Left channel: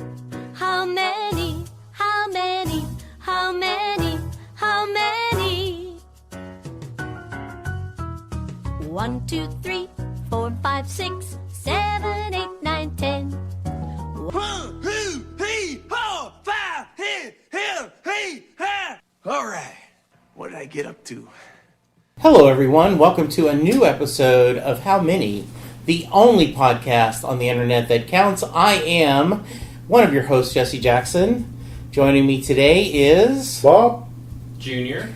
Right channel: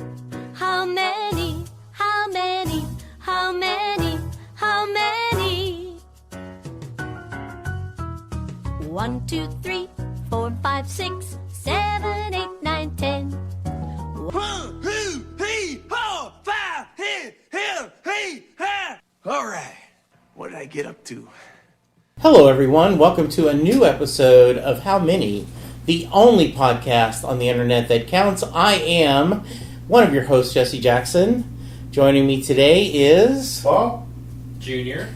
How many? How many? How many? How many? 1, 2, 3, 4, 5, 6, 7, 8, 9, 10. All right, what did I get up to? Hello, everyone. Welcome to a new episode of How Many, the only podcast on the internet that counts. I am one of your hosts, Jesse Jackson. Joining me today is Bob, Junior,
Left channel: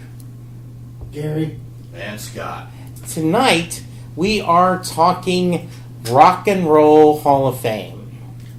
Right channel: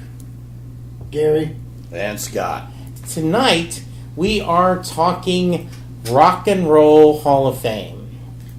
Gary, And Scott. Tonight we are talking Rock and Roll Hall of Fame.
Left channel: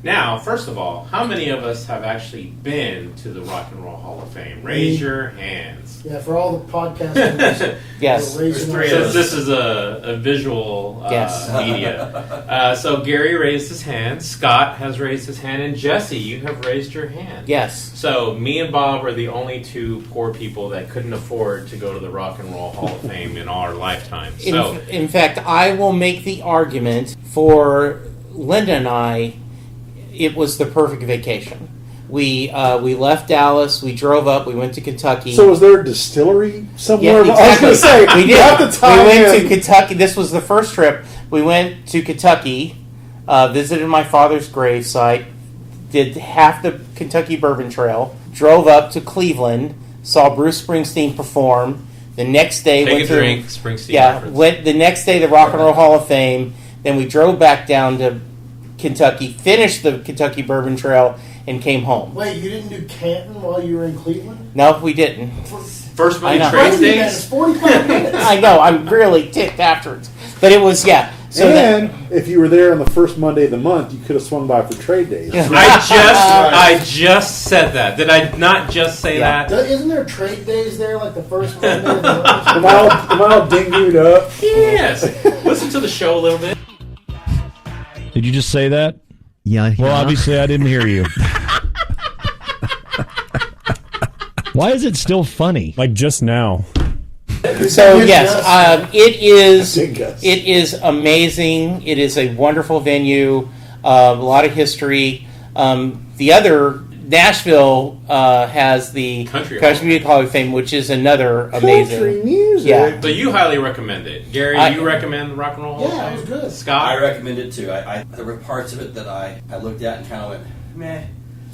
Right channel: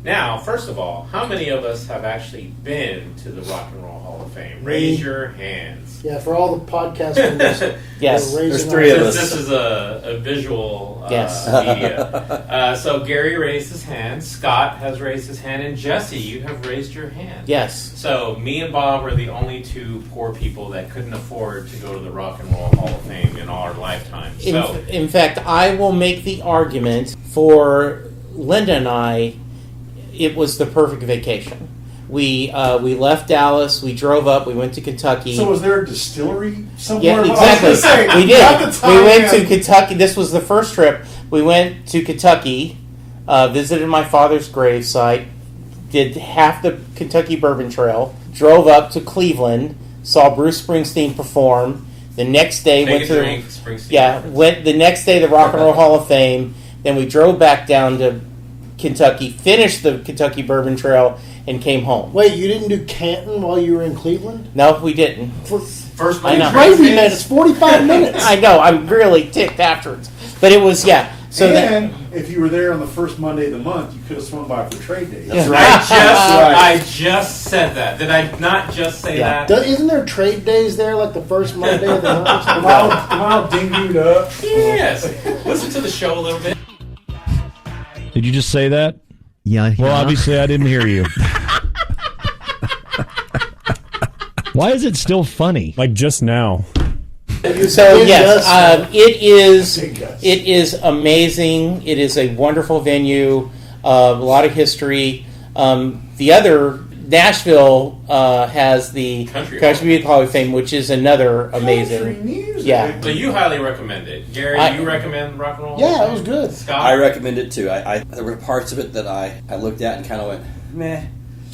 Now, first of all, how many of us have actually been to the Rock and Roll Hall of Fame? Raise your hands. yeah, for all the podcasters. Yes, there's three of us. This is a visual Yes. media. So Gary raised his hand, Scott has raised his hand, and Jesse, you have raised your hand. Yes. So me and Bob are the only two poor people that couldn't afford to go to the Rock and Roll Hall of Fame in our lifetime. So In fact, I will make the argument for Linda and I. It was the perfect vacation. We left Dallas. We drove up. We went to Kentucky. So was there a distillery somewhere? Yeah, exactly. I was gonna say, We did. at the time, We went to Kentucky. This was the first trip. We went to Kentucky, visited my father's gravesite, did half the Kentucky Bourbon Trail, drove up to Cleveland, saw Bruce Springsteen perform. The next day take went a to drink, Springsteen. went the next day to the Rock and Roll Hall of Fame. Then we drove back down to Kentucky, finished the Kentucky Bourbon Trail, and came home. Wait, you didn't do Canton while you were in Cleveland? No, we didn't. First I one know. train Wait a minute, it's days. 45 minutes. I know. I'm really ticked afterwards, but it was So and if you were there on the first Monday of the month, you could have swung by for trade days. I just said that. Did I not just say Yeah. that? Isn't there trade days there, like the first Monday of the month? Am I all dingued up? Yes. Listen to the show a little bit. Did you just say that? Yeah. Well, obviously I didn't hear you. Why is it still funny? Like just now. So yes, Big guess. it is amazing. It is a wonderful venue, a lot of history. The other Nashville has the Country Music Hall of Fame, which is another amazing. Country music. Yeah. So you highly recommend it. Gary, I- you recommend Rock and Roll? Yeah, it was good. Scott? I recommend it too. There were parts of it that I looked at and kind of went, meh.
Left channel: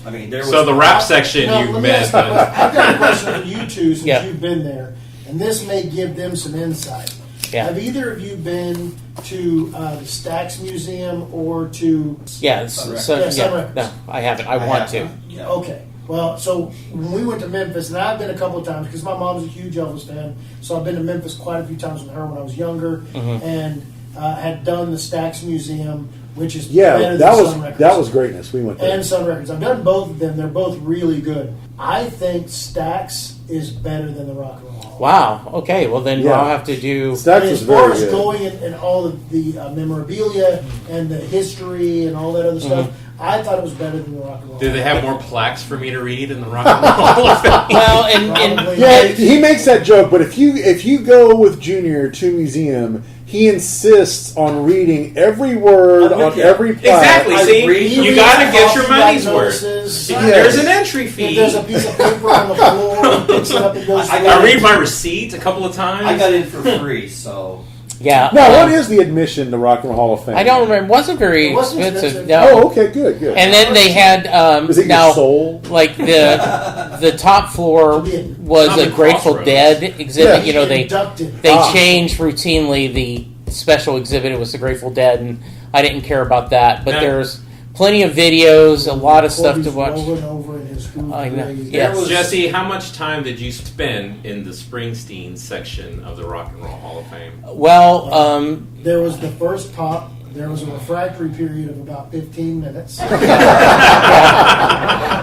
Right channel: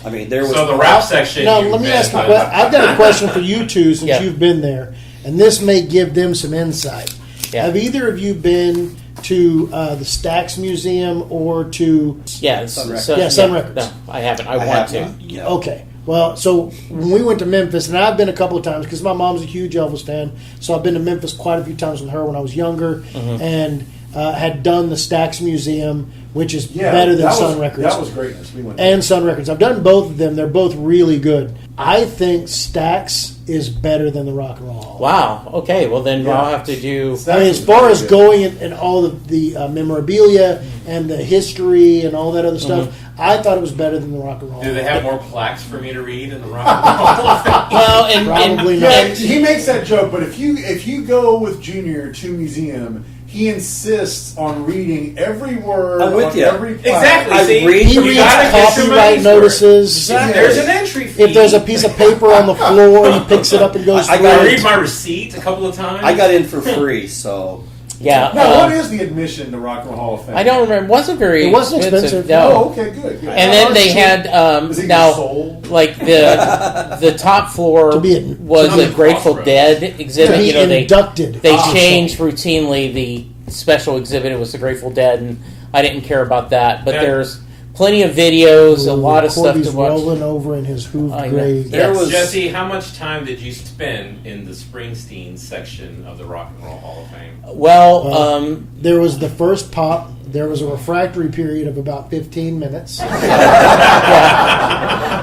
I mean, there was. So the rap section Now, you let me missed. ask you, I've got a question for you two since Yeah. you've been there, and this may give them some insight. Yeah. Have either of you been to the Stax Museum or to... Yeah, Sun Sun Records. No, I haven't. I want to. Yeah. Okay. Well, so when we went to Memphis, and I've been a couple of times because my mom's a huge Elvis fan, so I've been to Memphis quite a few times with her when I was younger, and had done the Stax Museum, which is better than Sun Records. That was greatness. We went there. And Sun Records. I've done both of them. They're both really good. I think Stax is better than the Rock and Roll Hall. Wow. Okay. Well, then Yeah. I'll have to do. Stax I mean, was as far very as good. going and all of the memorabilia and the history and all that other stuff, I thought it was better than the Rock and Roll. Do they have more plaques for me to read in the Rock and Roll Hall of Fame? Well, and Probably Yeah, not. he makes that joke, but if you go with Junior to a museum, he insists on reading every word I'm with on you. every plaque. Exactly. I See, read- you reads gotta get your copyright money's worth. notices. There's an entry fee. If there's a piece of paper on the floor, he picks it up and goes I through I it. read my receipt a couple of times. I got in for free, so. yeah. Now, what is the admission to Rock and Roll Hall of Fame? I don't remember. It wasn't very It wasn't expensive. No. Oh, okay, good. And then they had Is it now your soul? like the top floor To be was on a the Grateful crossroads. Dead exhibit. Be You know they inducted. change routinely the special exhibit. It was the Grateful Dead, and I didn't care about that. But Yeah. there's plenty of videos, a lot of stuff to Corby's watch. rolling over in his hoop I know. grave. Yeah. There was Jesse, how much time did you spend in the Springsteen section of the Rock and Roll Hall of Fame? Well, There was the first pop. There was a refractory period of about 15 minutes.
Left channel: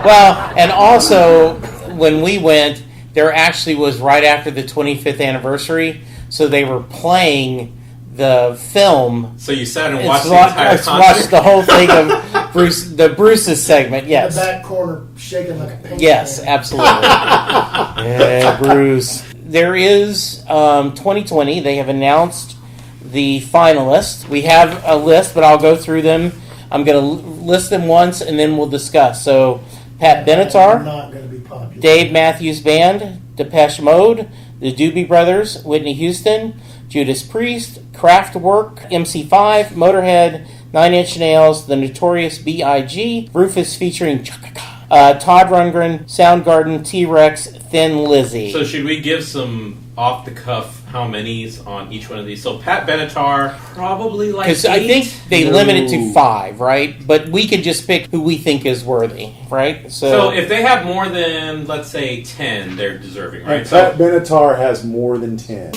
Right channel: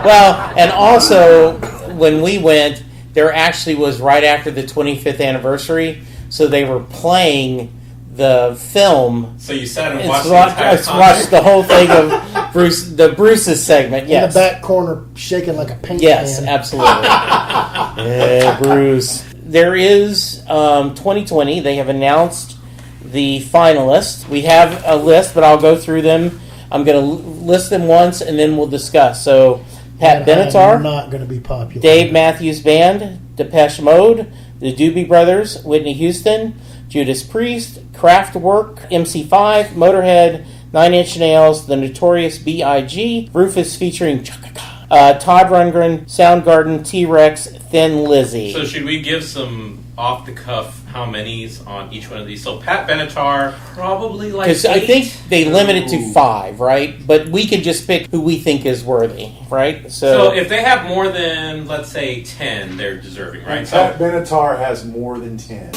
well, and also when we went, there actually was right after the 25th anniversary, so they were playing the film. So you sat and It's watched the wa- entire it's concert? watched the whole thing of Bruce's segment. Yes, In the back corner, shaking like a paint yes, can. absolutely. Yeah, Bruce. There is 2020. They have announced the finalists. We have a list, but I'll go through them. I'm going to list them once, and then we'll discuss. So, Pat I'm Benatar, not going to be popular. Dave Matthews Band, Depeche Mode, the Doobie Brothers, Whitney Houston, Judas Priest, Kraftwerk, MC5, Motorhead, Nine Inch Nails, The Notorious B.I.G., Rufus featuring Todd Rundgren, Soundgarden, T-Rex, Thin Lizzy. So should we give some off-the-cuff how many's on each one of these? So Pat Benatar, probably like Because I think they limit it to 5, right? But we can just pick who we think is worthy, right? So if they have more than, let's say, 10, they're deserving, right? And Pat Benatar has more than 10.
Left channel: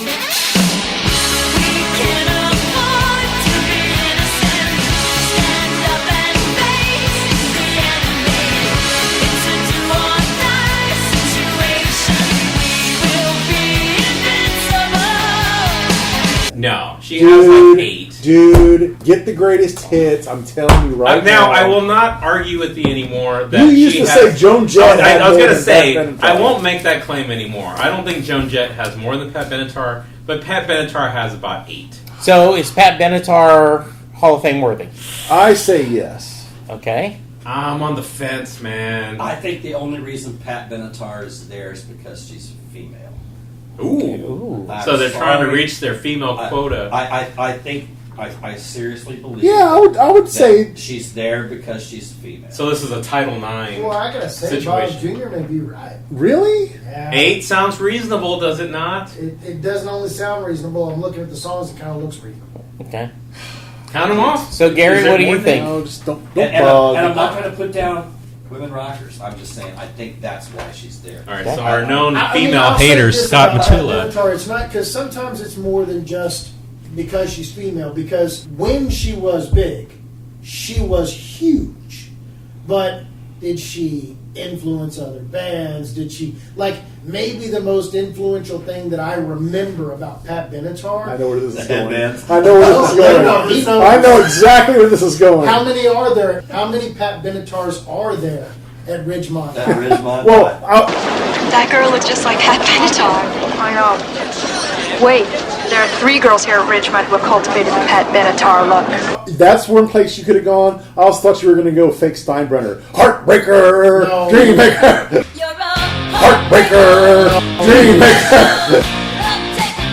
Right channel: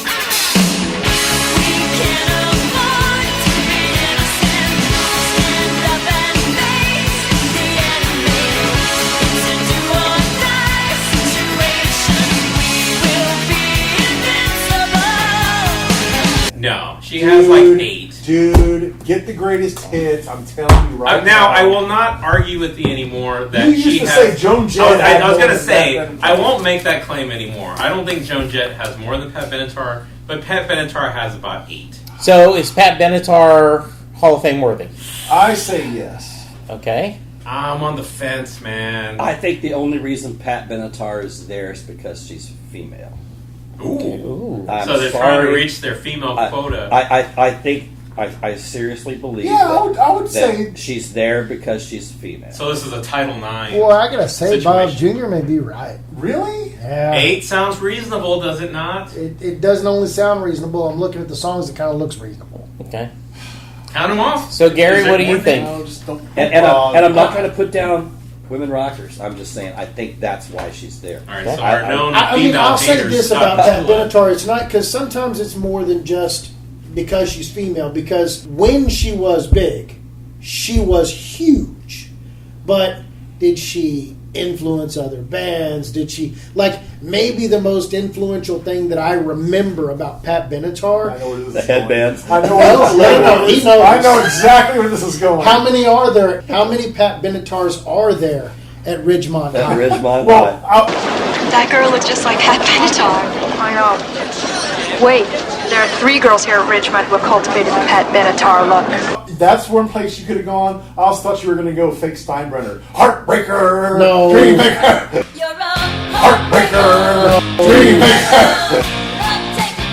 No, she has like 8. Dude, get the greatest hits. I'm telling you right now. Now, I will not argue with you anymore that You used she to has... say Joan Jett I was had going more to say, than Pat I Benatar. won't make that claim anymore. I don't think Joan Jett has more than Pat Benatar, but Pat Benatar has about 8. So is Pat Benatar Hall of Fame worthy? I say yes. Okay. I'm on the fence, man. I think the only reason Pat Benatar is there is because she's female. Ooh. I'm So they're trying to sorry. reach their female quota. I think I seriously believe. Yeah, I would that say. she's there because she's female. So this is a Title IX. Well, I gotta say, Bob Situation. Jr. may be right. Really? Yeah. 8 sounds reasonable, does it not? It doesn't only sound reasonable. I'm looking at the songs. It kind of looks reasonable. Okay. Count them off. So, Gary, Is there what do you more think? No, just don't. And I'm not going to put down women rockers. I'm just saying I think that's why she's there. All right, so our known I mean, female I'll say haters this stop about at Pat 2. Benatar. It's not because sometimes it's more than just because she's female. Because when she was big, she was huge. But did she influence other bands? Did she maybe the most influential thing that I remember about Pat Benatar? I know where this is The going. headbands. I know where this is No, he going. knows. I know exactly where this is going. How many are there? How many Pat Benatars are there at Ridgemont? At Ridgemont. Well, That girl looks just like Pat Benatar. I know. Wait, there are 3 girls here at Ridgemont who have cultivated the Pat Benatar look. that's one place you could have gone. I also thought you were going to go fake Steinbrenner. Heartbreaker! No. Dreammaker! You're a Heartbreaker! Dreammaker!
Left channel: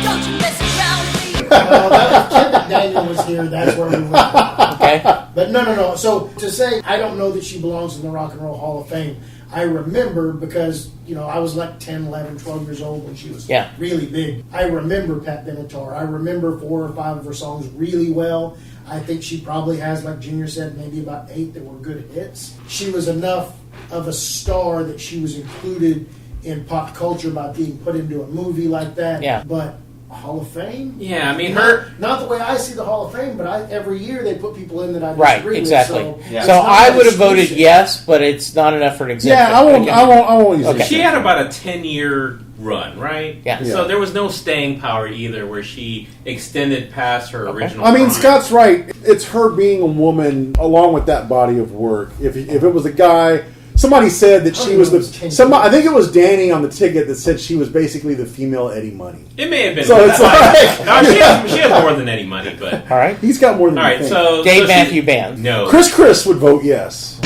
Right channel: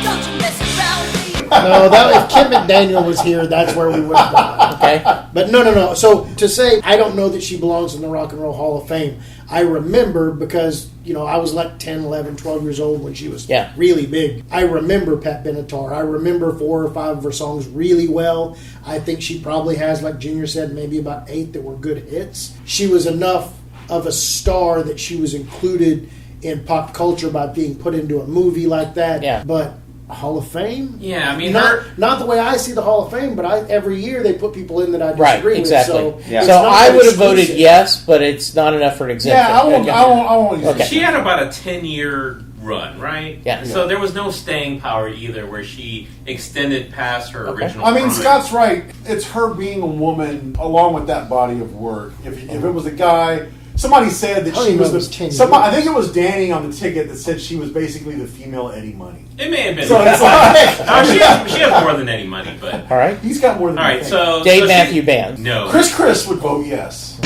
Don't you mess around with me. No, that if Kim McDaniel was here, that's where we would have gone. Okay. But no. So to say, I don't know that she belongs in the Rock and Roll Hall of Fame. I remember because, I was like 10, 11, 12 years old when she was really big. I remember Pat Benatar. I remember 4 or 5 of her songs really well. I think she probably has, like Junior said, maybe about 8 that were good hits. She was enough of a star that she was included in pop culture by being put into a movie like that. Yeah. But Hall of Fame? Yeah, I mean, Not the way I see the Hall of Fame, but every year they put people in that I disagree Right, with. exactly. So, Yeah. it's So not I would have exclusive. voted yes, but it's not enough for an exemption. Yeah, I won't. Okay. I won't use Okay. it. She had about a 10-year run, right? Yeah. So there was no staying power either where she extended past her original I mean, prime. Scott's right. It's her being a woman along with that body of work. If it was a guy, somebody said that she was I think it was Danny on the ticket that said she was basically the female Eddie Money. It may have been. So it's like, No, she has more than any money, but... All right. he's got more than All right, you think. so... Dave so Matthew Band. No. Chris would vote yes.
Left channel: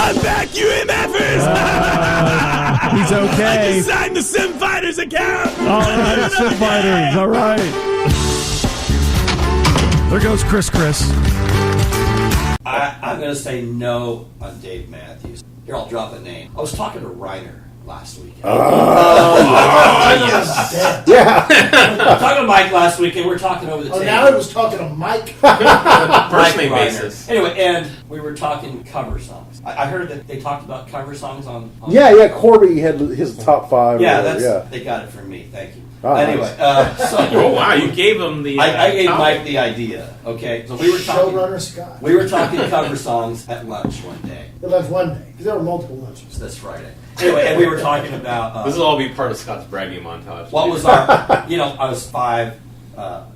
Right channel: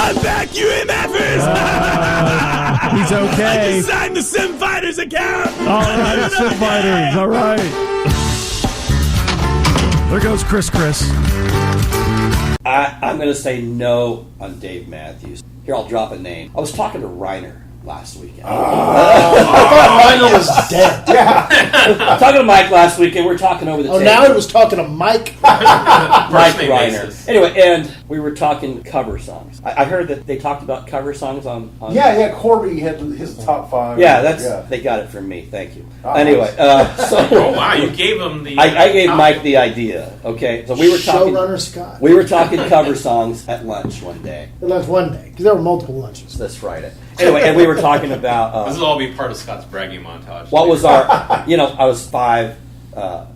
I'm back, you MFers! He's okay. I just signed the Sim Fighters account! All right, Sim Fighters. All right. There goes Chris. I'm going to say no on Dave Matthews. Here, I'll drop a name. I was talking to Reiner last weekend. Reiner was dead. I'm talking to Mike last weekend. We were talking over the Oh, table. now it was talking to Mike. Mike First name Reiner. basis. Anyway, and we were talking cover songs. I heard that they talked about cover songs on Yeah. Corby had his top 5. Yeah, they got it from me. Thank you. Oh, anyway, Oh, wow, you gave him the... I gave topic. Mike the idea. Okay, so we were talking. Showrunner Scott. We were talking cover songs at lunch one day. Well, that's one day, because there were multiple lunches. This Friday. Anyway, and we were talking about This will all be part of Scott's bragging montage. what was our. I was 5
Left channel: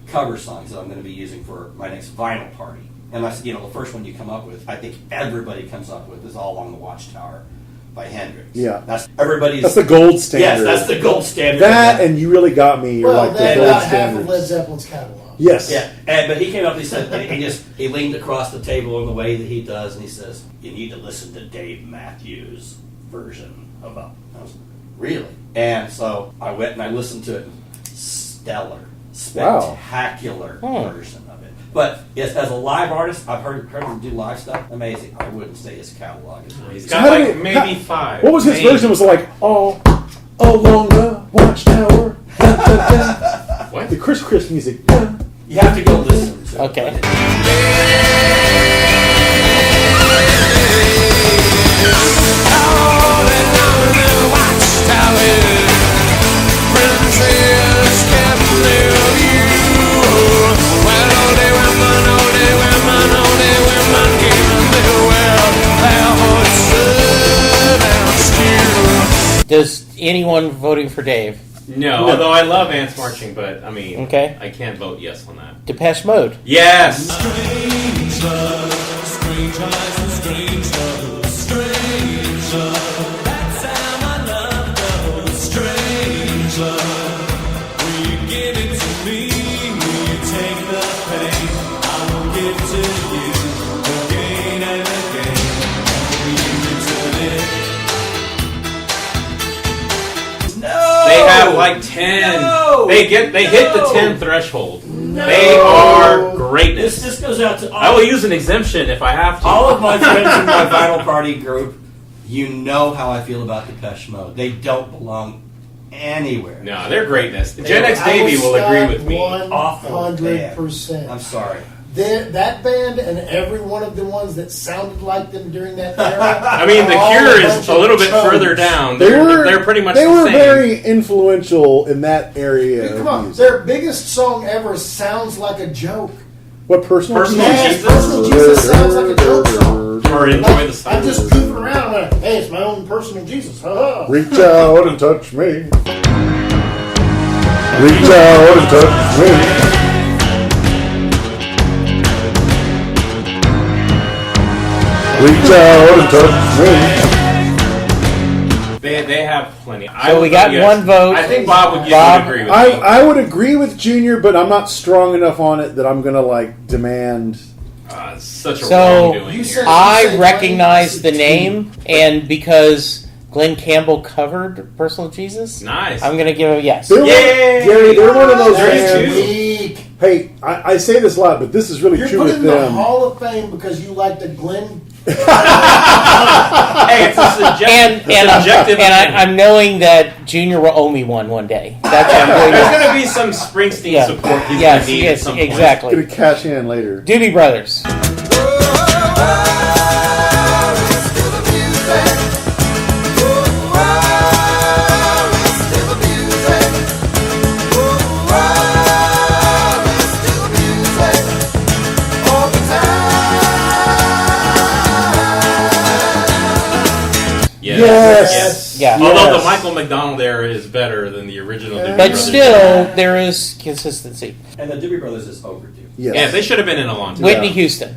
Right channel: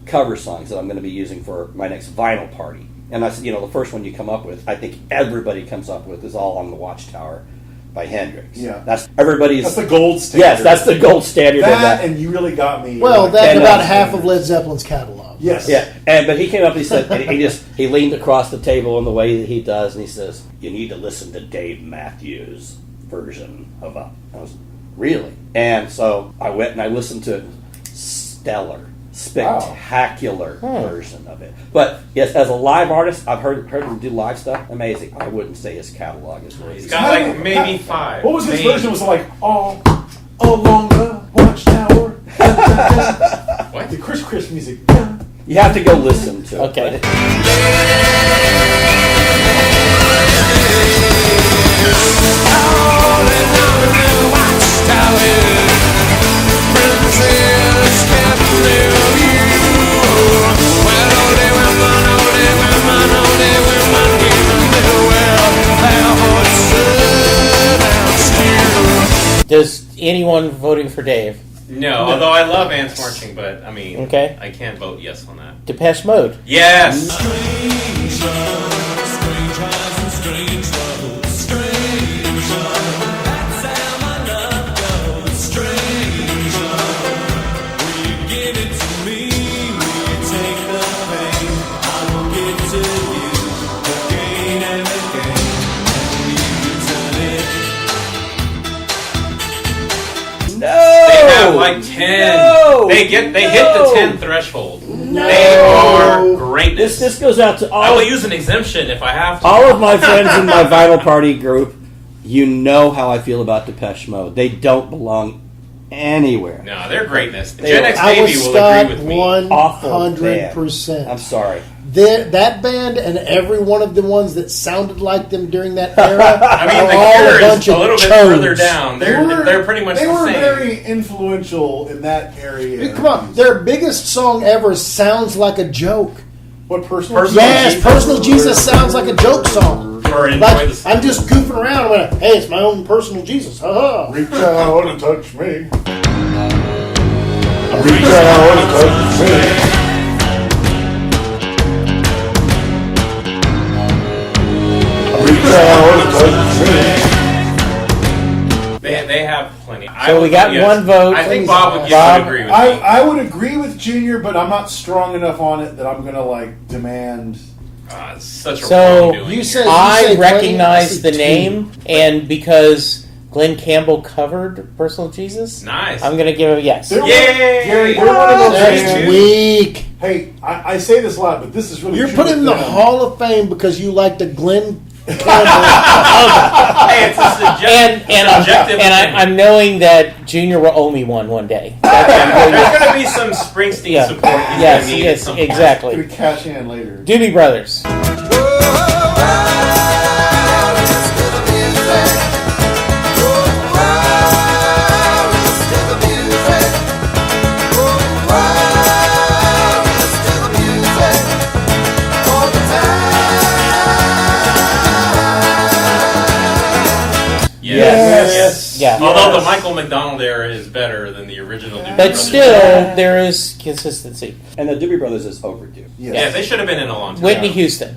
cover songs that I'm going to be using for my next vinyl party. And I said, the first one you come up with, I think everybody comes up with, is All on the Watchtower by Hendrix. Yeah. That's everybody's. That's the gold standard. Yes, that's the gold standard. That, and You Really Got Me. Well, like, that's that about is half of standards. Led Zeppelin's catalog. songs. Yes. Yeah, but he came up and he said, and he leaned across the table in the way that he does, and he says, "You need to listen to Dave Matthews' version of Up." I was, really? And so I went and I listened to it. Stellar, spectacular version of it. But yes, as a live artist, I've heard him do live stuff. Amazing. I wouldn't say his catalog is amazing. He's got like maybe 5. What was his version? Was like all along the watchtower. What? The Chris music. You have to go listen to it. Okay. Does anyone voting for Dave? No, although I love ants marching, but I mean, Okay. I can't vote yes on that. Depeche Mode. Yes. Strange love, strange eyes and strange love, strange love. That's how my love goes. Strange love. Will you give it to me? Will you take the pain? I will give to you again and again. Will you return it? They have like 10. No! They hit the 10 threshold. No! They are greatness. This goes out to I will use an exemption if I have to. all of my friends in my vinyl party group. You know how I feel about Depeche Mode. They don't belong anywhere. No, they're greatness. They Gen are- X I Baby will agree with me. Awful 100%. I'm sorry. That band and every one of the ones that sounded like them during that era. I mean, are The all Cure bunch is a of little bit chodes. further down. They're pretty much They the were same. very influential in that area. Come on, their biggest song ever sounds like a joke. What personal? Personal Yes, Jesus. Personal Jesus sounds like a joke song. Or enjoy Like, the I'm just goofing around. When hey, it's my own personal Jesus. Ha-ha. Reach out and touch me. Reach out and touch me. Reach out and touch me. They have plenty. So we got one vote. I think Bob would Bob, agree with me. I would agree with Junior, but I'm not strong enough on it that I'm gonna like demand. It's such a So, wrongdoing. You said- I recognize the name, and because Glenn Campbell covered Personal Jesus, Nice. I'm going to give it a yes. They're, Yay! Gary, they're one of those That's bands. Weak. Hey, I say this a lot, but this is really You're true put with in the them. Hall of Fame because you like the Glenn. Hey, it's a subjective. And I'm knowing that Junior will owe me one day. That's what I'm going There's to. going to be some Springsteen Yeah. support. he's Yes, gonna need at yes, some point. exactly. Gonna cash in later. Doobie Brothers. Yes. Yeah. Although the Michael McDonald era is better than the original. Doobie But Brothers. still, there is consistency. And the Doobie Brothers is overdue. Yes. Yeah, they should have been in a long time. Whitney Houston.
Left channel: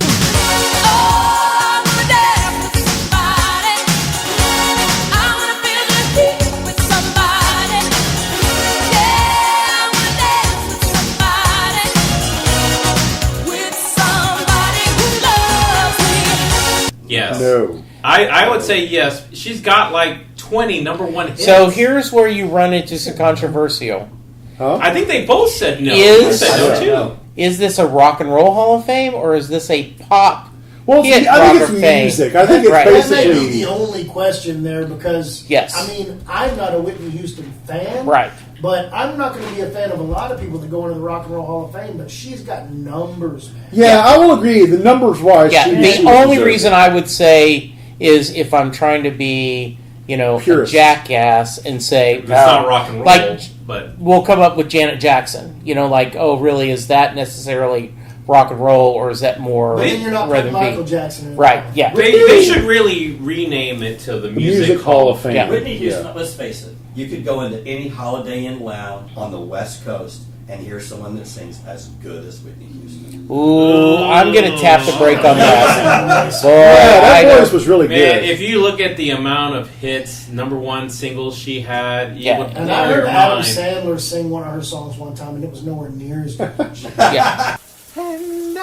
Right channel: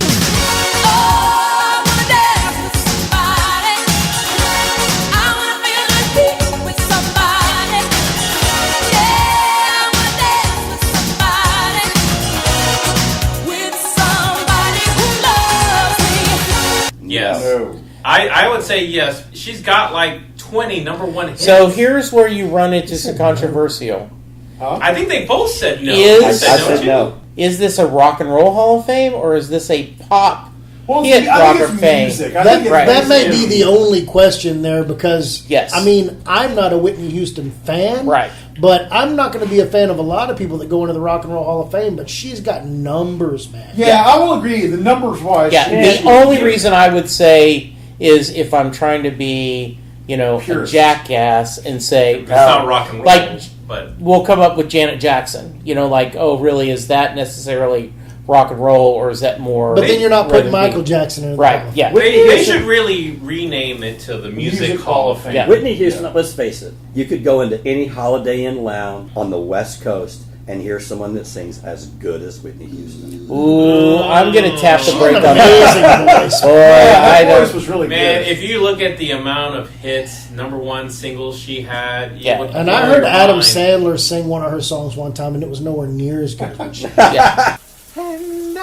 Yes. No. I would say yes. She's got like 20 number one hits. So here's where you run into some controversial. Huh? I think they both said no. Is- I said no I said too. no. Is this a rock and roll Hall of Fame, or is this a pop Well, hit I rock think of it's fame? music. I think it's Right. That may basically- be the only question there because, Yes. I mean, I'm not a Whitney Houston fan. Right. But I'm not going to be a fan of a lot of people that go into the Rock and Roll Hall of Fame, but she's got numbers, man. Yeah, I will agree. The numbers wise, Yeah, she- the only reason I would say is if I'm trying to be, a Purist. jackass and say, It's not rock and roll, like, but we'll come up with Janet Jackson. Oh, really, is that necessarily rock and roll, or is that more? But then you're not rhythm putting Michael beat? Jackson in. Right, yeah. they should really rename it to the Music Hall of Fame. Yeah. Whitney Houston, let's face it, you could go into any Holiday Inn lounge on the West Coast and hear someone that sings as good as Whitney Houston. Ooh, I'm gonna tap the brake on that. Boy, That voice was really Man, good. if you look at the amount of hits, number one singles she had, Yeah. And I heard Adam Sandler sing one of her songs one time, and it was nowhere near as good. yeah. And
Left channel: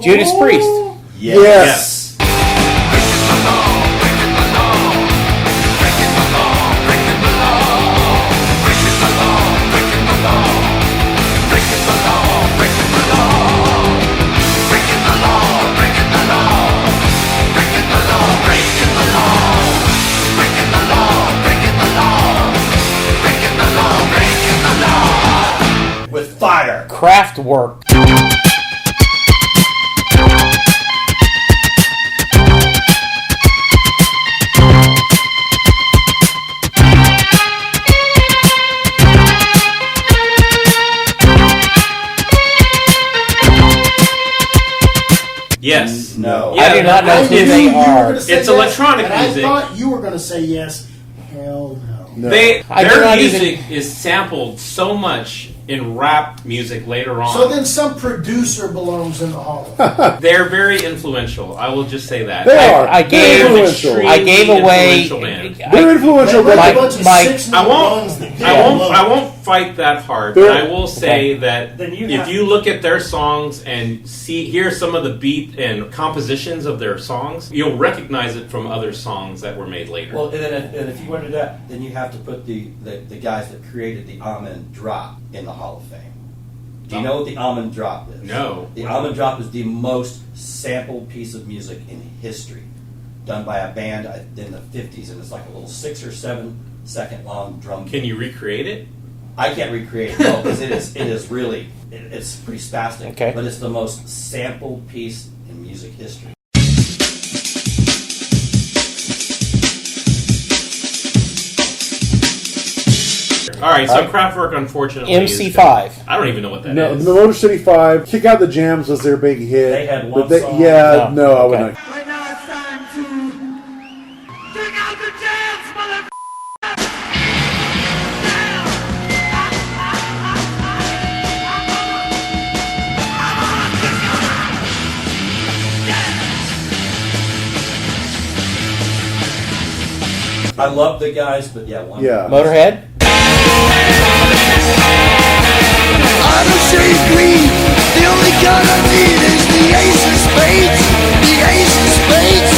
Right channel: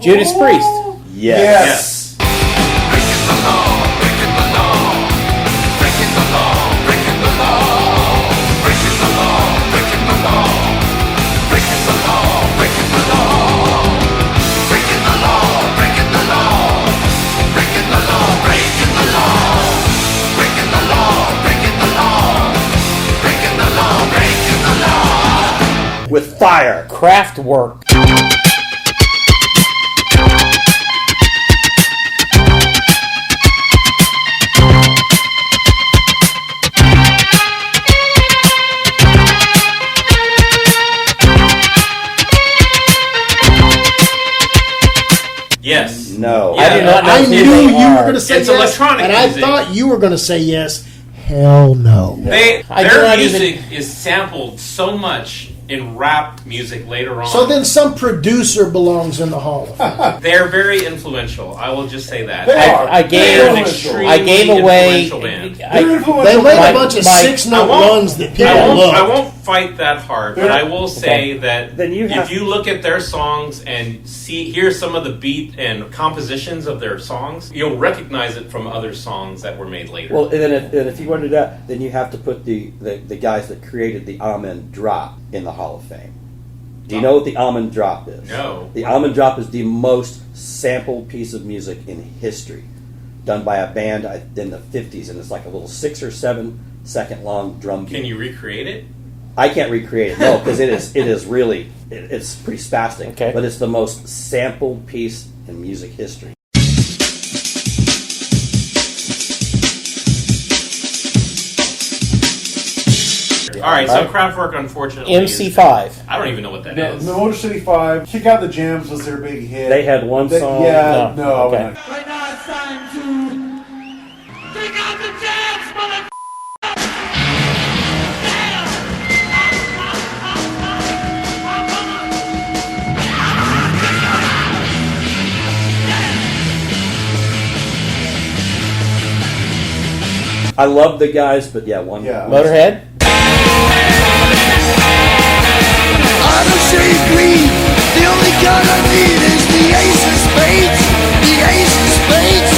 Judas Priest. Yes. With fire. Kraftwerk. Yes. No. I do not know I who knew they you were are. going to say It's yes, electronic and music. I thought you were going to say yes. Hell no. I do Their not music is sampled so much in rap music later on. So then some producer belongs in the Hall of Fame. They're very influential. I will just say that. They are. I gave They're influential. I gave away. Influential band. They're influential. They let My- a bunch of my- six-note runs that people I love. won't fight that hard, but They're- I will say that Then you if have- you look at their songs and hear some of the beat and compositions of their songs, you'll recognize it from other songs that were made later. Well, and if you want to do that, then you have to put the guys that created the almond drop in the Hall of Fame. Do you know what the almond drop is? No. The almond drop is the most sampled piece of music in history, done by a band in the 50s, and it's like a little 6 or 7 second long drum beat. Can you recreate it? I can't recreate it, no, because it's really it's pretty spastic. Okay. But it's the most sampled piece in music history. All right, so Kraftwerk, unfortunately, MC5. I don't even know what that No, is. the Motor City 5, Kick Out the Jams was their big hit. They had one song? Yeah, No. no, I Okay. wouldn't. Right now it's time to kick out the jams, mother. I love the guys, but yeah, one. Yeah. Motorhead. I'm a shade green. The only gun I need is the ace of spades. The ace of spades.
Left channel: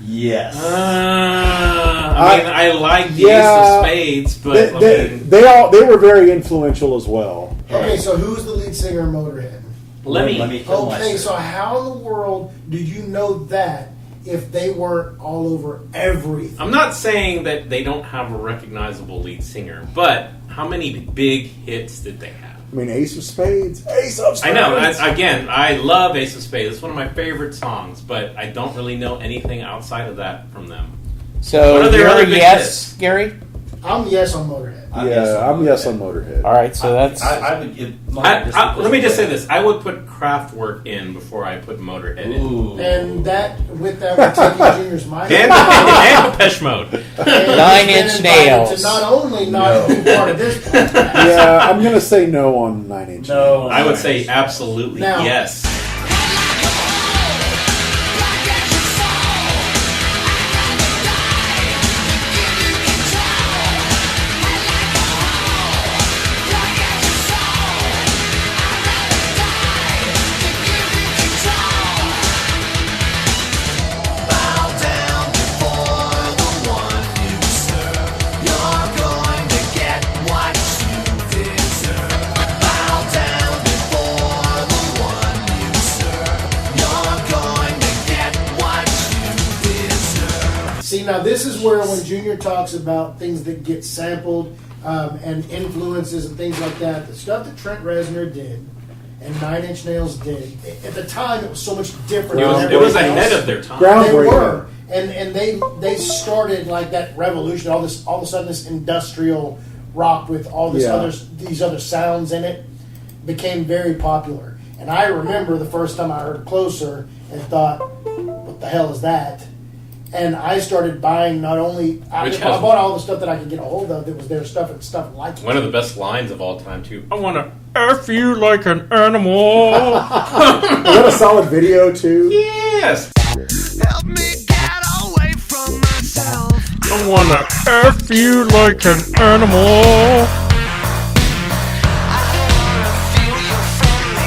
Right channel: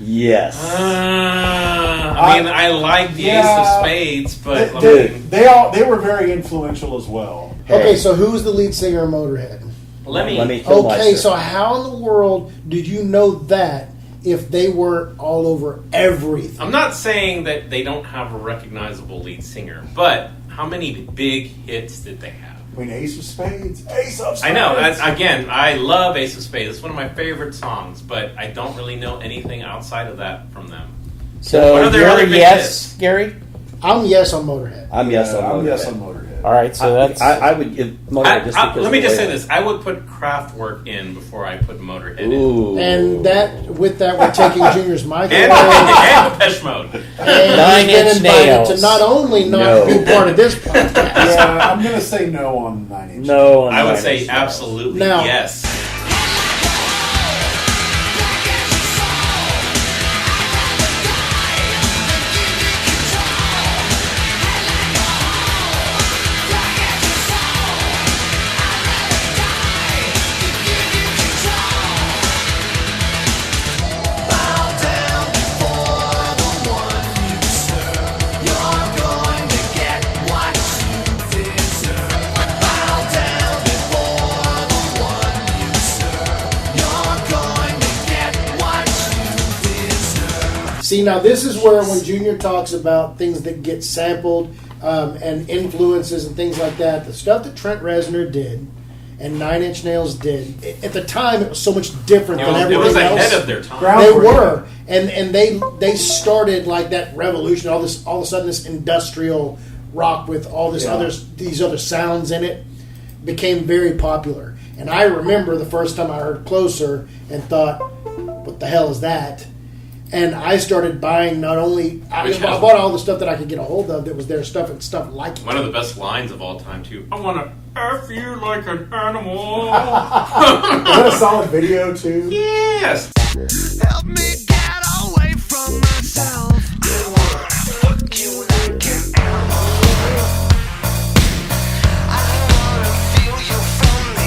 Yes. I mean, I like the Ace of Spades, but They were very influential as well. Okay, so who's the lead singer of Motorhead? Lemmy. Okay, so how in the world did you know that if they weren't all over everything? I'm not saying that they don't have a recognizable lead singer, but how many big hits did they have? I mean, Ace of Spades. Ace of Spades. I know. Again, I love Ace of Spades. It's one of my favorite songs, but I don't really know anything outside of that from them. So What are their you're other a big yes, hits? Yes, Gary. I'm yes on Motorhead. I'm yes on Motorhead. yes on Motorhead. All right, so that's. I would give Motorhead just because let me of the just way- say this: I would put Kraftwerk in before I put Motorhead in, Ooh. And with that, we're taking Junior's mic. and Depeche Mode. And Nine he's been Inch invited Nails. To not only not be part of this podcast. Yeah, I'm going to say no on 9 Inch. No, I would say absolutely Now- yes. See, now this is where when Junior talks about things that get sampled and influences and things like that, the stuff that Trent Reznor did and 9 Inch Nails did. At the time, it was so much different than It everything was else. ahead of their time. They Groundbreaking. were, and they started like that revolution. All of a sudden, this industrial rock with all these other sounds in it became very popular. And I remember the first time I heard Closer and thought, "What the hell is that?" And I started buying I bought all the stuff that I could get a hold of that was their stuff and stuff like it. One of the best lines of all time, too. I want to F you like an animal. Is that a solid video too? Yes. Help me get away from myself. I want to F you like an animal. I wanna feel you from the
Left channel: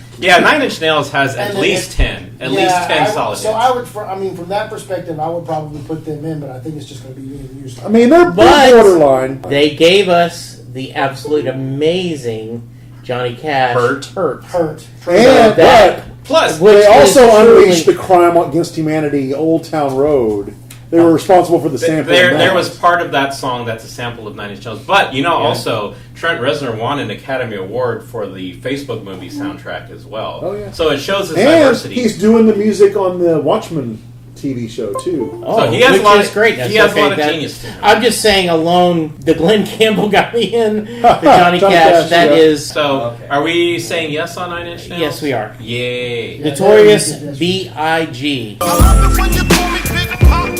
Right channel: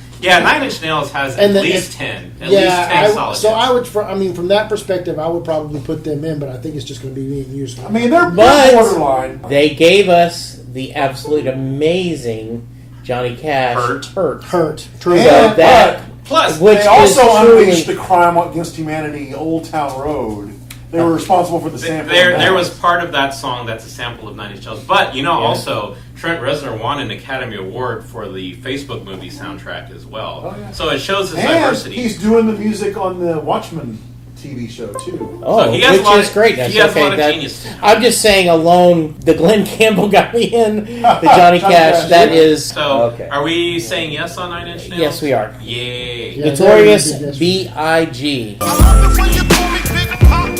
inside. Yeah, 9 Inch Nails has at least 10. At least 10 solid So hits. I would, from that perspective, I would probably put them in, but I think it's just going to be being used. I mean, they're But- borderline. They gave us the absolute amazing Johnny Cash Hurt. Hurt. True. And that- Plus, which they is also truly- unleashed the crime against humanity, Old Town Road. They were responsible for the sample. there was part of that song that's a sample of 9 Inch Nails. But, also, Trent Reznor won an Academy Award for the Facebook movie soundtrack as well. Oh, yeah. So it shows his And diversity. he's doing the music on the Watchmen TV show too. Oh, So he has a which lot is of- great. he That's has a okay. lot of That- genius to him. I'm just saying alone, the Glenn Campbell got me in. The Johnny Johnny Cash, Cash, that yeah. is So, Okay. are we saying yes on 9 Inch Nails? Yes, we are. Yay. Yeah. Notorious B.I.G. I love it when you call me Big Papa.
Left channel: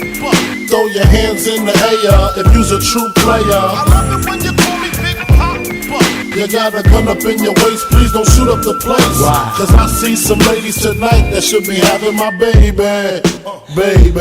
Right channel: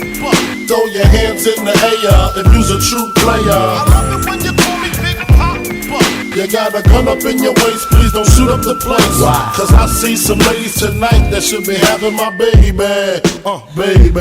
Throw your hands in the air if you's a true player. I love it when you call me Big Papa. You got a gun up in your waist, please don't shoot up the place. Cause I see some ladies tonight that should be having my baby. Baby.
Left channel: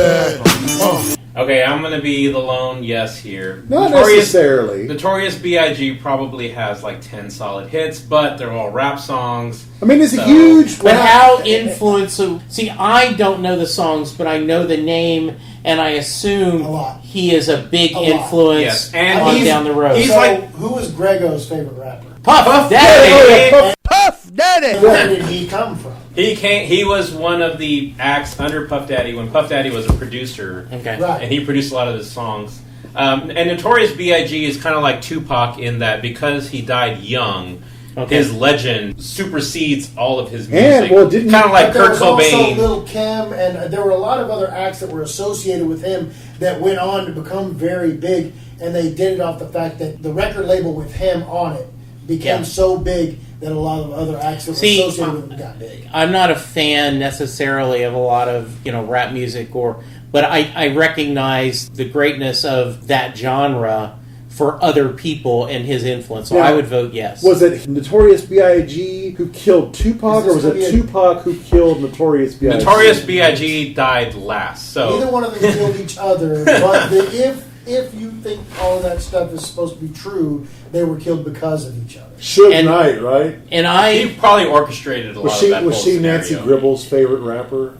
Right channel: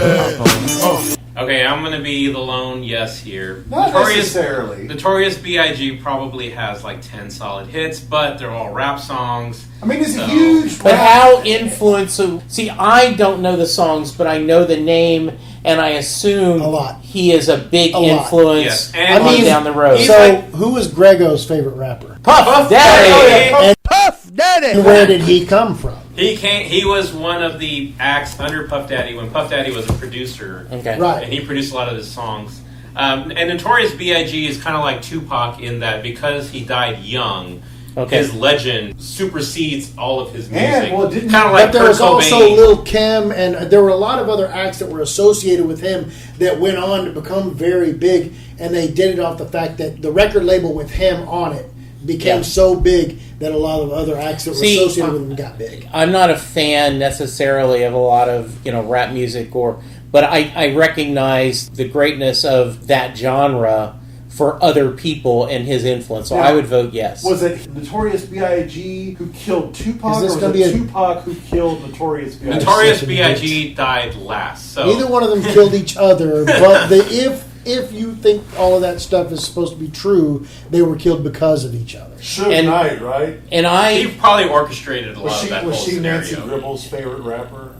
Okay, I'm going to be the lone yes here. Not necessarily. Notorious B.I.G. probably has like 10 solid hits, but they're all rap songs. I mean, it's So- a huge. But rap- how influential? See, I don't know the songs, but I know the name, and I assume A lot. he is a big A lot. influence Yes, and on he's- down the road. he's So, like- who was Grego's favorite rapper? Puff Daddy. Puff Daddy. And where did he come from? He was one of the acts under Puff Daddy when Puff Daddy was a producer. Okay. Right. And he produced a lot of his songs. And Notorious B.I.G. is kind of like Tupac in that because he died young, Okay. his legend supersedes all of his music. And, well, didn't- kind of like But there Kurt was also Cobain. Lil Kim, and there were a lot of other acts that were associated with him that went on to become very big, and they did it off the fact that the record label with him on it became Yeah. so big that a lot of other acts that were See, associated with him got big. I'm not a fan necessarily of a lot of rap music, but I recognize the greatness of that genre for other people and his influence. So Yeah. I would vote yes. Was it Notorious B.I.G. who killed Tupac, Is this or was gonna it be a- Tupac who killed Notorious B.I.G.? Notorious B.I.G. died last. So Neither one of them killed each other, but if you think all of that stuff is supposed to be true, they were killed because of each other. Suge And- Knight, right? And he I probably orchestrated a lot Was of she that whole Nancy scenario. Gribble's favorite rapper?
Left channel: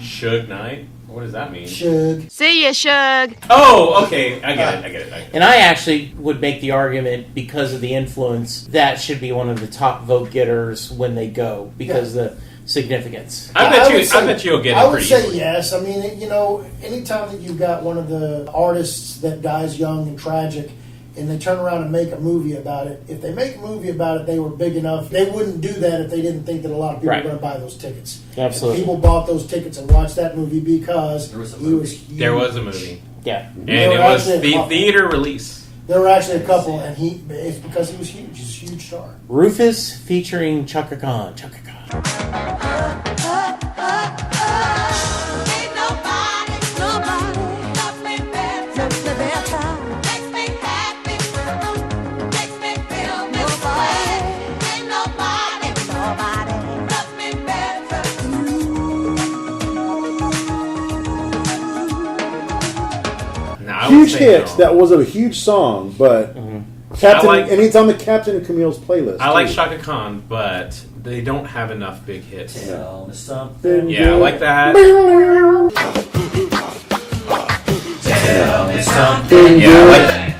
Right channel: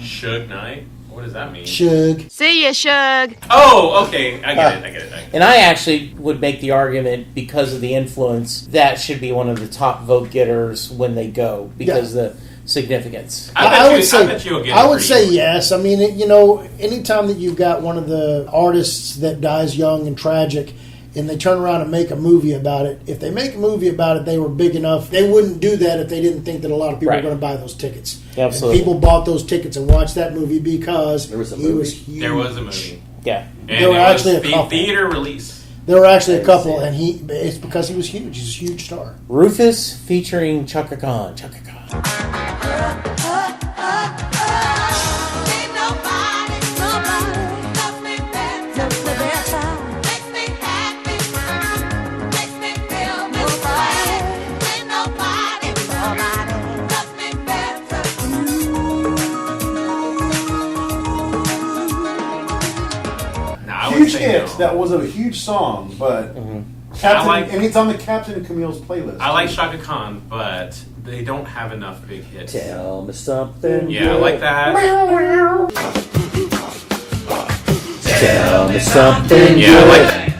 Suge Knight? What does that mean? Shug. See ya, Shug. Oh, okay. I get it. and I actually would make the argument because of the influence that should be one of the top vote getters when they go because the significance. I bet you'll get it. I would pretty say easily. yes. I mean, anytime that you've got one of the artists that dies young and tragic, and they turn around and make a movie about it, if they make a movie about it, they were big enough. They wouldn't do that if they didn't think that a lot of people Right. were going to buy those tickets. Absolutely. And people bought those tickets and watched that movie because There was a he movie. was huge. There was a movie. Yeah. And There it were was actually a the couple. theater release. There were actually a couple, and it's because he was huge. He's a huge star. Rufus featuring Chaka Khan. Chaka Khan. Ain't nobody loves me better. Makes me happy. Makes me feel this way. Ain't nobody loves me better. Nah, I would Huge say hit. no. That was a huge song, but I Captain, like- and it's on the Captain and Camille's playlist. I like Shaka Khan, but they don't have enough big hits. Tell me something. Yeah, I like that. Tell me something. Yeah, I like that.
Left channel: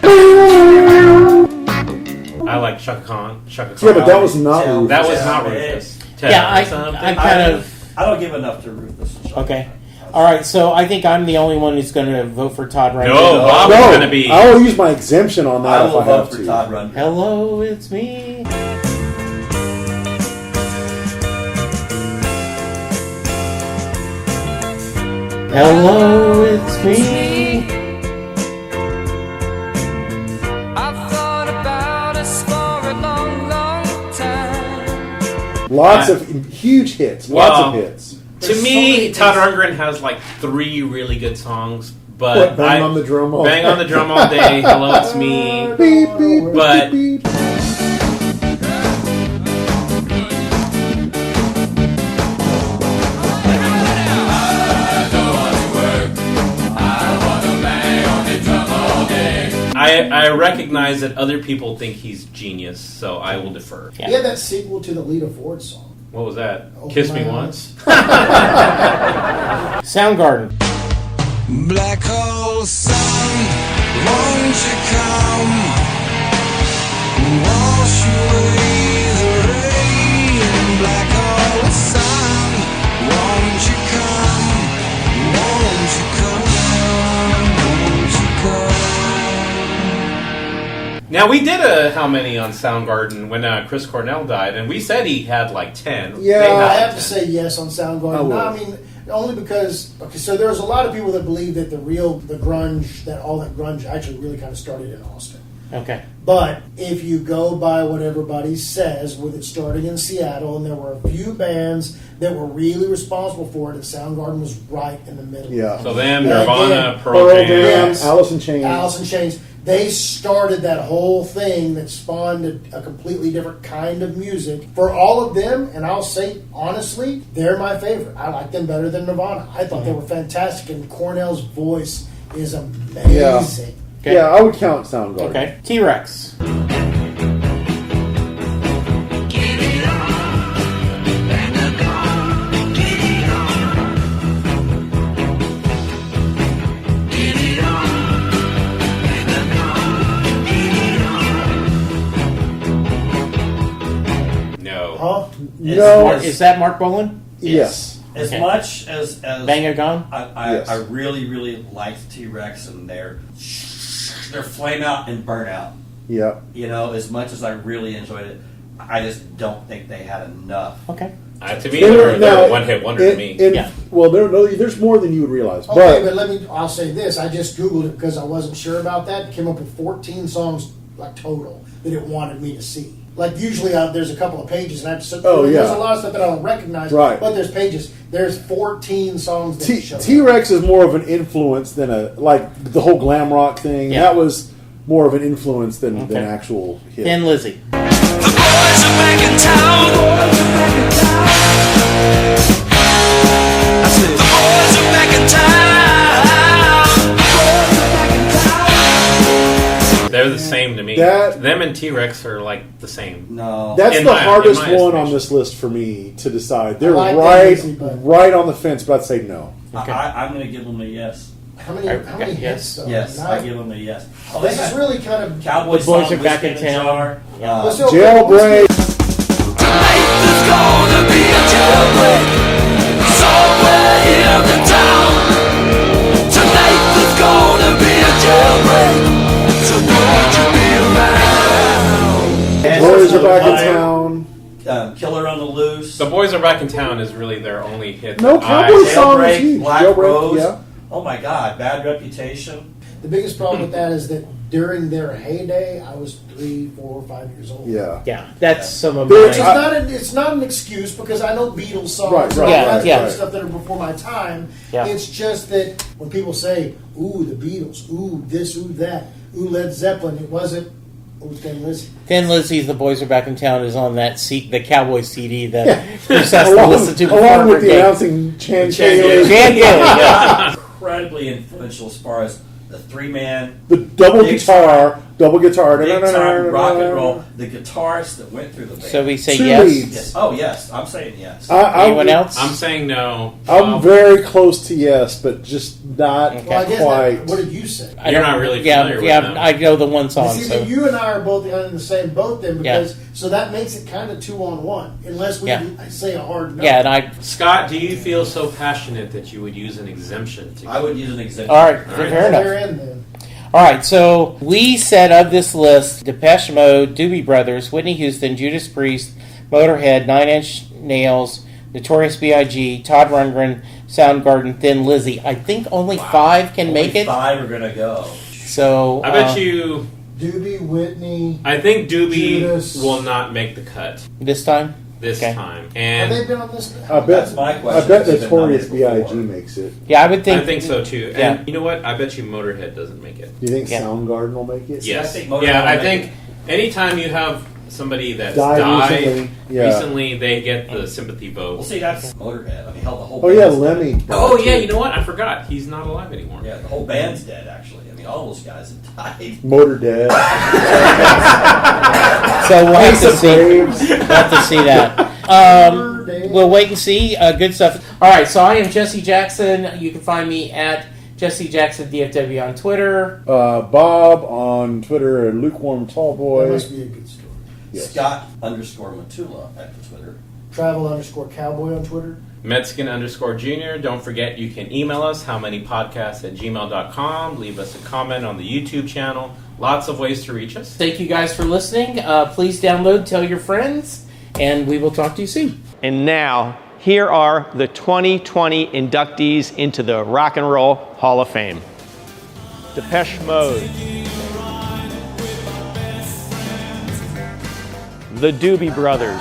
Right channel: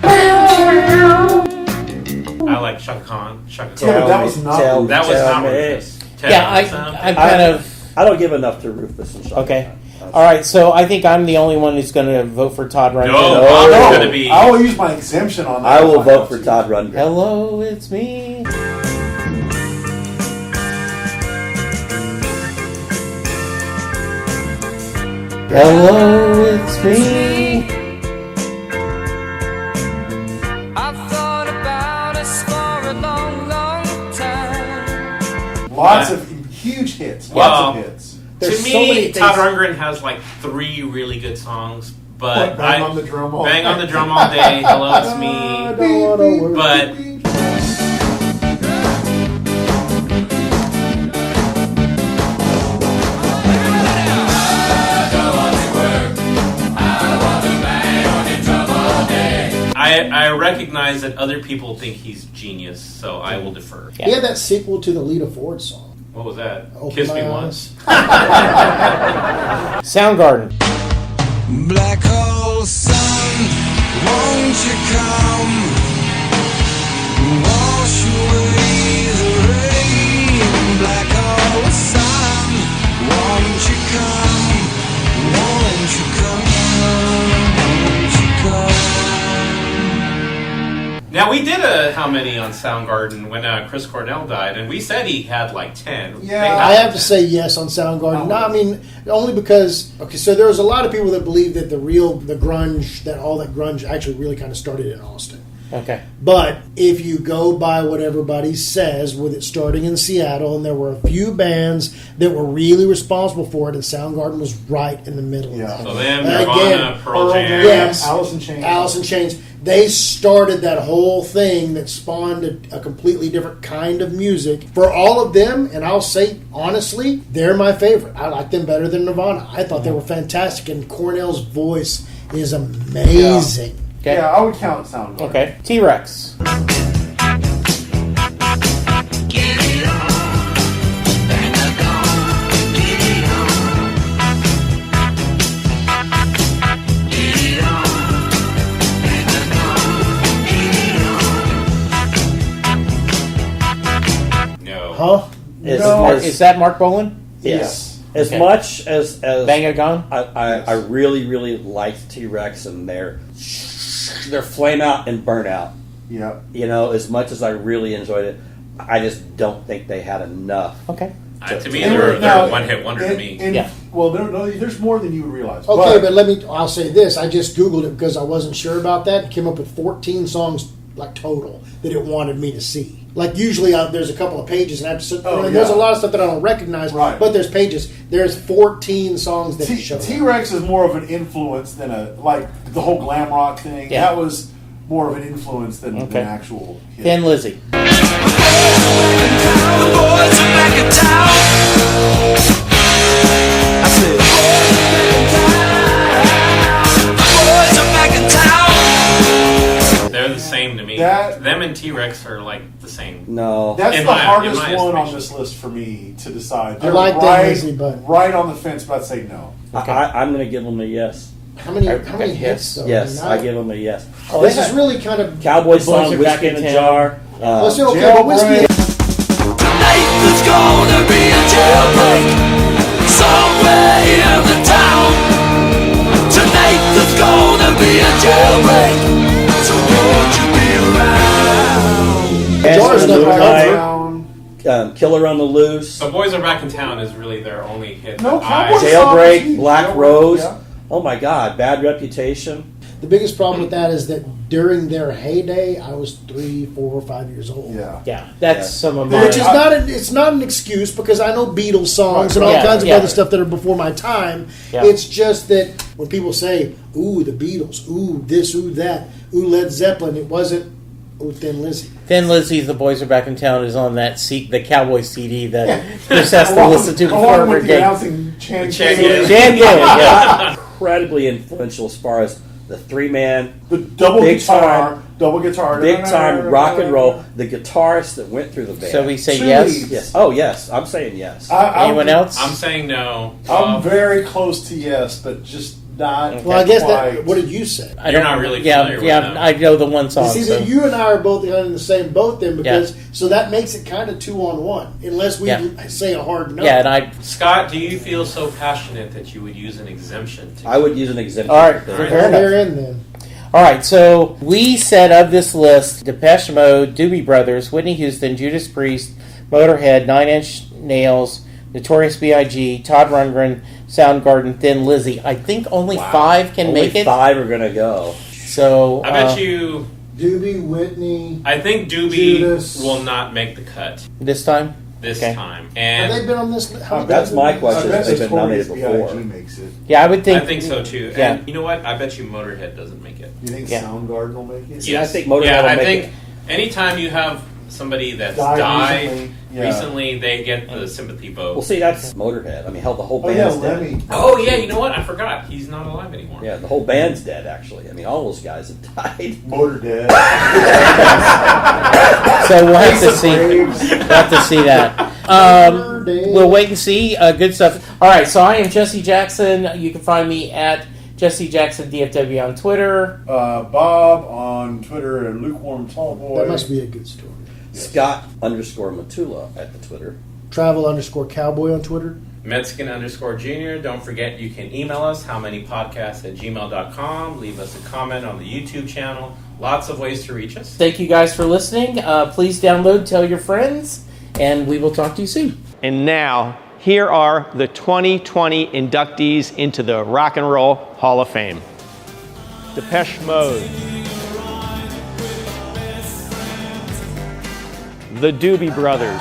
I like Shaka Khan. Shaka Khan. Yeah, but that was not. Tell- That was not me. Rufus. Tell Yeah, me I something. kind of. I don't give enough to Rufus and Sean. Okay. All right, so I think I'm the only one who's going to vote for Todd Rundgren. No, Bob's No, going to be. I will use my exemption on that. I if will have vote for to. Todd Rundgren. Hello, it's me. Hello, it's me. I've thought about us for a long, long time. Lots of huge hits. Lots of hits. To There's so me, many Todd things- Rundgren has like 3 really good songs, but What, Bang on the Drum All Bang Day? on the Drum All Day, Hello, It's Me. Beep, beep, But- beep, beep. I recognize that other people think he's genius, so I will defer. He had that sequel to the Lita Ford song. What was that? Open Kiss My Me Eyes. Once? Soundgarden. Black hole sun, won't you come? Wash away the rain. Black hole sun, won't you come? Won't you come? Won't you come? Now, we did a How Many on Soundgarden when Chris Cornell died, and we said he had like 10. Yeah, They I had have to say yes on Soundgarden. I No, would. I mean only because so there was a lot of people that believe that the grunge, that all that grunge actually really kind of started in Austin. Okay. But if you go by what everybody says, with it starting in Seattle, and there were a few bands that were really responsible for it, and Soundgarden was right in the middle. Yeah. So them, And Nirvana, again, Pearl Pearl Jam. Jam, Alice in Chains. Alice in Chains. They started that whole thing that spawned a completely different kind of music. For all of them, and I'll say honestly, they're my favorite. I like them better than Nirvana. I thought they were fantastic, and Cornell's voice is amazing. Okay. Yeah, I would count Soundgarden. Okay. T-Rex. No. Huh? No. Is that Mark Bolan? Yes. As Okay. much as Bang a Gone? I really, really liked T-Rex and their flame out and burn out. Yep. You know, as much as I really enjoyed it, I just don't think they had enough. Okay. To me, they're a one-hit wonder to me. Yeah. Well, there's more than you would realize. Okay, but I'll say this. I just Googled it because I wasn't sure about that. It came up with 14 songs, like, total, that it wanted me to see. Like, usually there's a couple of pages, and I just, Oh, there's yeah. a lot of stuff that I don't recognize, Right. but there's pages. There's 14 songs that show up. T-Rex is more of an influence than like the whole glam rock thing. Yeah. That was more of an influence than Okay. actual hit. Thin Lizzy. They're the same to me. That- Them and T-Rex are like the same. No, That's In the my- hardest in my one on estimation. this list for me to decide. They're like that, right, Leslie, but- right on the fence, but I'd say no. Okay. I'm going to give them a yes. How many Okay, hits, yes. though? Yes, I I mean, give them a yes. this is really kind of... Cowboy The Boys song, Are Back Whiskey in a Town. Jar. Yeah. Let's see, okay, but Whiskey- Jailbreak. There's gonna be a jailbreak somewhere in the town. Tonight there's gonna be a jailbreak, so won't you be around? Boys Are never Back in died. Town. Killer on the Loose. The Boys Are Back in Town is really their only hit. No, that I- Cowboy song is Jailbreak, huge. Black Jailbreak, Rose. yeah. Oh my God, Bad Reputation. The biggest problem with that is that during their heyday, I was 3, 4, 5 years old. Yeah. Yeah, that's some of Which is my... it's not an excuse because I know Beatles songs Right, and all right. kinds of Yeah, other yeah. stuff that are before my time. Yeah. It's just that when people say, "Ooh, the Beatles," "Ooh, this," "Ooh, that," "Ooh, Led Zeppelin," it wasn't "Ooh, Thin Lizzy." Thin Lizzy's The Boys Are Back in Town is on that the Cowboy CD that Chris has to Along- listen to before along every with the game. announcing Chan Chan Gailey. Jan Gillen, yeah. Incredibly influential as far as the three-man, The double Big guitar. big time rock and roll, the guitarist that went through the band. So we say Two yes. leads. Yes. Oh, yes. I'm saying yes. Anyone else? I'm saying no. I'm very close to yes, but just not Okay. Well, I guess quite. what did you say? I You're don't- not really yeah, familiar with yeah. them. I know the one song. See, So. you and I are both in the same boat then, Yeah. because so that makes it kind of 2-on-1, unless we Yeah. say a hard no. Yeah, and I. Scott, do you feel so passionate that you would use an exemption? I would use an exemption. All right, All right. fair enough. They're in then. All right, so we said of this list: Depeche Mode, Doobie Brothers, Whitney Houston, Judas Priest, Motorhead, Nine Inch Nails, Notorious B.I.G., Todd Rundgren, Soundgarden, Thin Lizzy. I think only 5 can Only make it. 5 are gonna go. So I bet you. Doobie, Whitney. I think Doobie Judas. will not make the cut this time. this Okay. time, Have they and been on this? That's my question. I bet They've been Notorious nominated before. B.I.G. makes it. Yeah, I would think. I think so too. Yeah. And you know what? I bet you Motorhead doesn't make it. Do you think Yeah. Soundgarden will make it? Yes. I think Motorhead yeah, will I make think it. anytime you have somebody that's Died died recently. Yeah. recently, they get the sympathy vote. Well, see, that's Motorhead. I mean, hell, the whole Oh band's yeah, dead. Lemmy. Oh yeah, you know what? I forgot. He's not alive anymore. Yeah, the whole band's dead, actually. I mean, all those guys have died. Motor Dead. So we'll have to see. We'll have to see that. We'll wait and see. Good stuff. All right. So I am Jesse Jackson. You can find me at Jesse Jackson DFW on Twitter. Bob on Twitter and Lukewarm Tallboy. That must be a good story. Yes. Scott_Matula at the Twitter. Travel_cowboy on Twitter. Medskin_Jr. Don't forget you can email us howmanypodcasts@gmail.com. Leave us a comment on the YouTube channel. Lots of ways to reach us. Thank you guys for listening. Please download, tell your friends, and we will talk to you soon. And now, here are the 2020 inductees into the Rock and Roll Hall of Fame. Depeche Mode. The Doobie Brothers.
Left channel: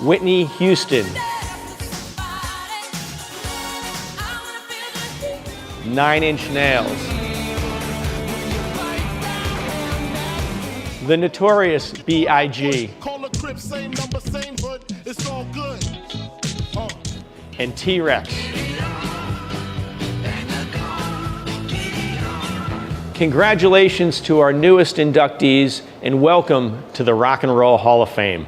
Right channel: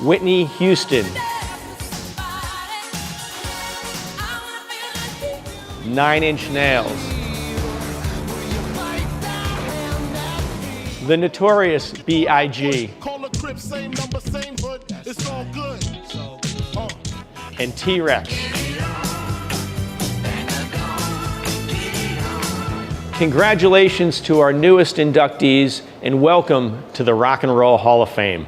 Whitney Houston. 9 Inch Nails. The Notorious B.I.G. and T-Rex. Congratulations to our newest inductees and welcome to the Rock and Roll Hall of Fame.